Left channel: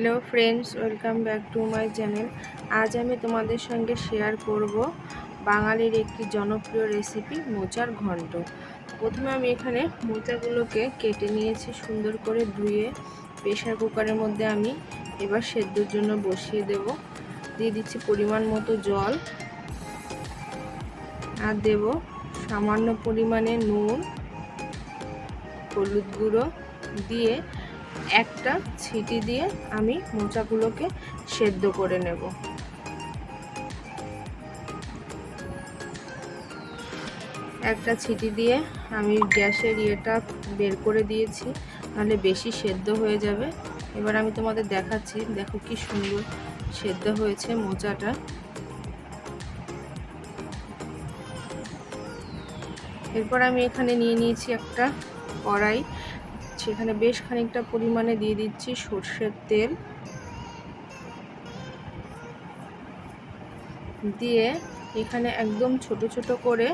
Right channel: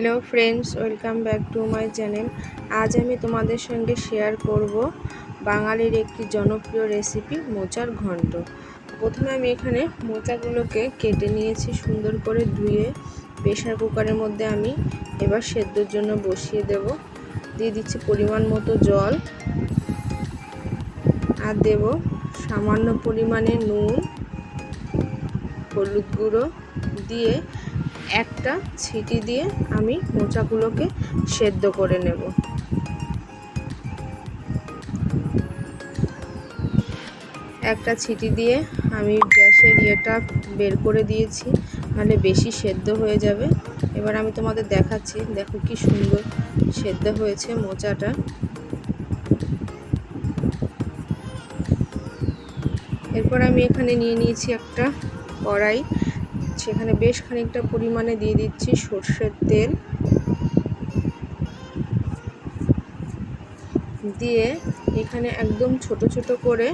Hello friends, welcome back to my channel. আজ আমি তোমাদের সঙ্গে শেয়ার করব বাঙালির একটি জনপ্রিয় রেসিপি মোচার ঘন্ট। প্রথমে আমি এখানে মোচাগুলোকে কেটে নিয়েছি, সুন্দর করে ধুয়ে প্রেসার কুকারের মধ্যে আমি এবার সেদ্ধর জন্য বসিয়ে দেব। দিয়ে দিচ্ছি পরিমাণ মতো জল, আর দেব সামান্য পরিমাণে নুন, হলুদ গুঁড়ো দিয়ে একটা ছিটি দিয়ে আমি মোচাগুলোকে সেদ্ধ করে নেব। একটা ছিটি দিয়ে আমি গ্যাসের ইয়েটা বের করে দিয়েছি, নাহলে বেশি সেদ্ধ হয়ে যাবে। এবার আমি তোমাদের দেখাচ্ছি, দেখো কি সুন্দর সেদ্ধ হয়েছে মোচাটা। এরপর আমি এখানে নিয়ে নিয়েছি একটা কড়াই, সেখানে বেশ খানিকটা পরিমাণে দিয়ে দিচ্ছি সর্ষের তেল। দিয়ে এখানে একদম ছোট ছোট করে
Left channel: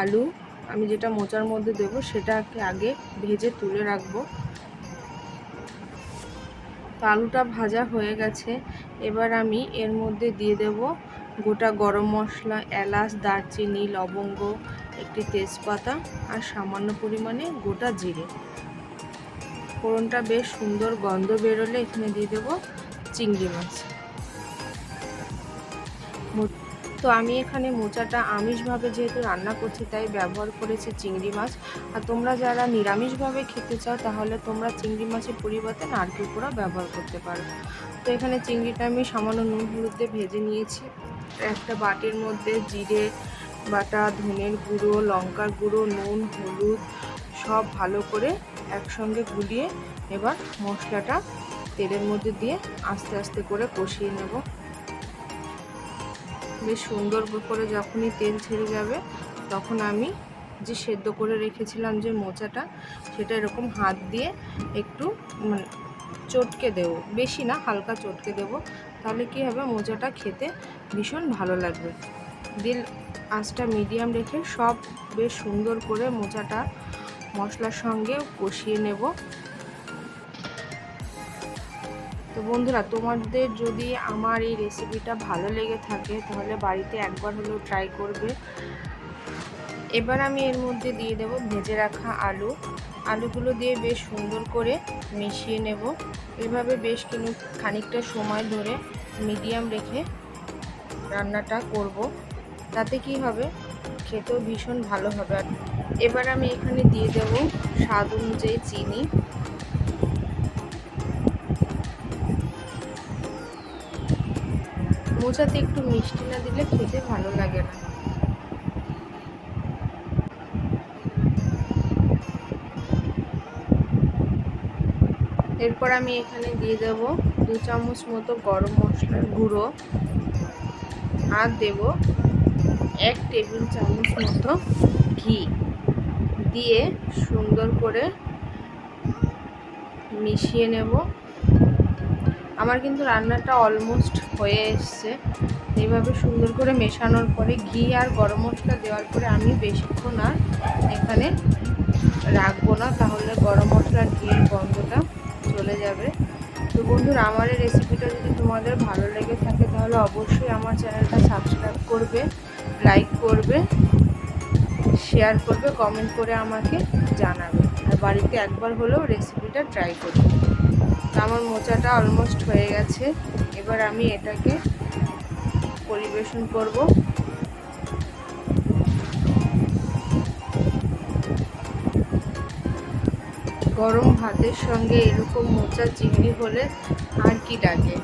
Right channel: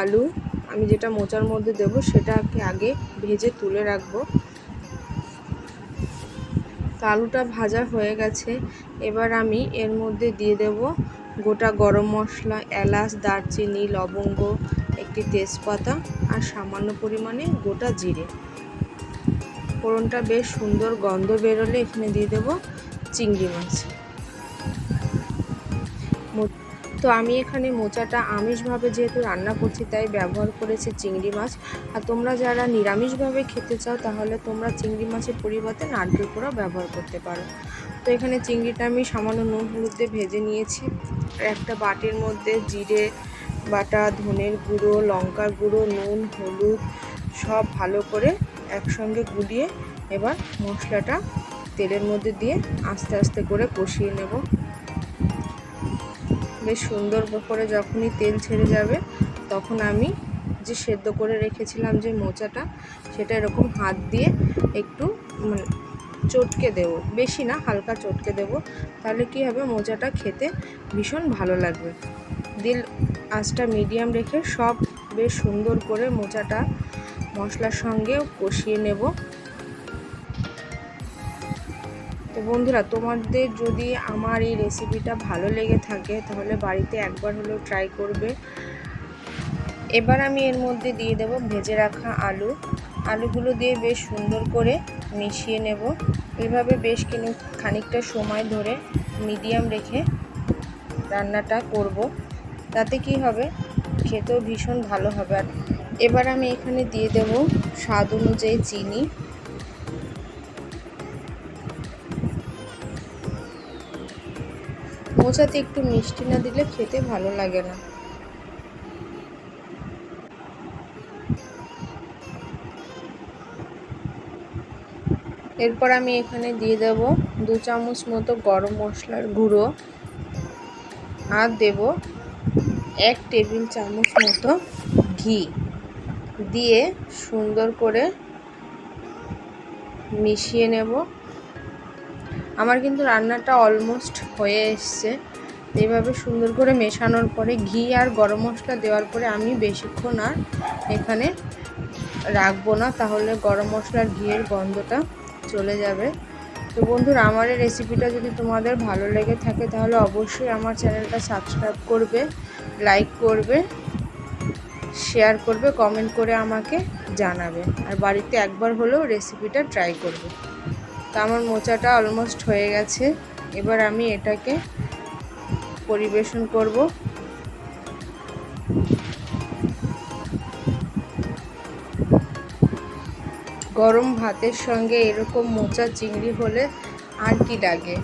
আলু আমি যেটা মোচার মধ্যে দেব সেটাকে আগে ভেজে তুলে রাখবো। তো আলুটা ভাজা হয়ে গেছে। এবার আমি এর মধ্যে দিয়ে দেব গোটা গরম মশলা, এলাচ, দারচিনি, লবঙ্গ, একটি তেজপাতা আর সামান্য পরিমাণে গোটা জিরে। ফোড়নটা বেশ সুন্দর গন্ধ বেরোলে এখানে দিয়ে দেব চিংড়ি মাছ। তো আমি এখানে মোচাটা আমিষভাবে যেহেতু রান্না করছি তাই ব্যবহার করেছি চিংড়ি মাছ। আর তোমরা যারা নিরামিষভাবে খেতে চাও তাহলে তোমরা চিংড়ি মাছের পরিবর্তে নারকেল কোড়া ব্যবহার করতে পারো। তো এখানে চিংড়িটা আমি সামান্য নুন হলুদ দিয়ে ভেজে নিয়েছি। একটা বাটির মধ্যে জিরে বাটা, ধনের গুঁড়ো, লঙ্কার গুঁড়ো, নুন, হলুদ সব ভালো করে একসঙ্গে গুলিয়ে এবার মশলাটা তেলের মধ্যে দিয়ে আস্তে আস্তে করে কষিয়ে নেব। বেশ সুন্দর করে যখনই তেল ছেড়ে যাবে তখন আমি যে সেদ্ধ করে রেখেছিলাম যে মোচাটা, সেটা এরকম হাত দিয়ে একটু চটকে দেব, বেশি না, হালকা চটকে দেব। তাহলে কি হবে, মোচাটা খেতে ভীষণ ভালো লাগবে। দিল আঁচটা মিডিয়াম রেখে সব বেশ সুন্দর করে মোচাটা মশলার সঙ্গে কষিয়ে নেব। তো বন্ধুরা, তোমাদের যদি আমার এই রেসিপিটা ভালো লেগে থাকে তাহলে বাড়িতে একবার হলেও ট্রাই করবে। এবার আমি এর মধ্যে দিয়ে দেব ভেজে রাখা আলুগুলো দিয়ে বেশ সুন্দর করে মিশিয়ে নেব। এভাবে বেশ খানিকটা সময় ধরে মিডিয়াম রেখে রান্নাটা করব, তাতে কি হবে, খেতেও ভীষণ ভালো হবে। আর এবার আমি এখানে দিয়ে দেব স্বাদ অনুযায়ী চিনি। মোচাতে একটু মিষ্টি না দিলে খেতে ভালো লাগে না। এরপর আমি এখানে দিয়ে দেব 2 চামচ মতো গরম মশলার গুঁড়ো, আর দেব 1 টেবিল চামচ মতো ঘি দিয়ে সুন্দর করে মিশিয়ে নেব। আমার কিন্তু রান্নাটা অলমোস্ট হয়ে এসছে। এইভাবে সুন্দর করে মেশানোর পরে ঘি আর গরম মশলা দেওয়ার পরে আমি বেশিক্ষণ আর এখানে রাখবো না, তাহলে গরম মশলার ঘিয়ের গন্ধটা চলে যাবে। তো বন্ধুরা, আমার এই রেসিপিটা যদি তোমাদের ভালো লেগে থাকে তাহলে অবশ্যই আমার চ্যানেলটা সাবস্ক্রাইব করবে, লাইক করবে, শেয়ার করবে, কমেন্ট করে আমাকে জানাবে, আর বাড়িতে একবার হলেও রেসিপিটা ট্রাই করবে। তো আমার মোচাটা অলমোস্ট হয়ে গেছে। এবার আমি এটাকে পরিবেশন করব। গরম ভাতের সঙ্গে এরকম মোচা চিংড়ি হলে আর কি লাগে।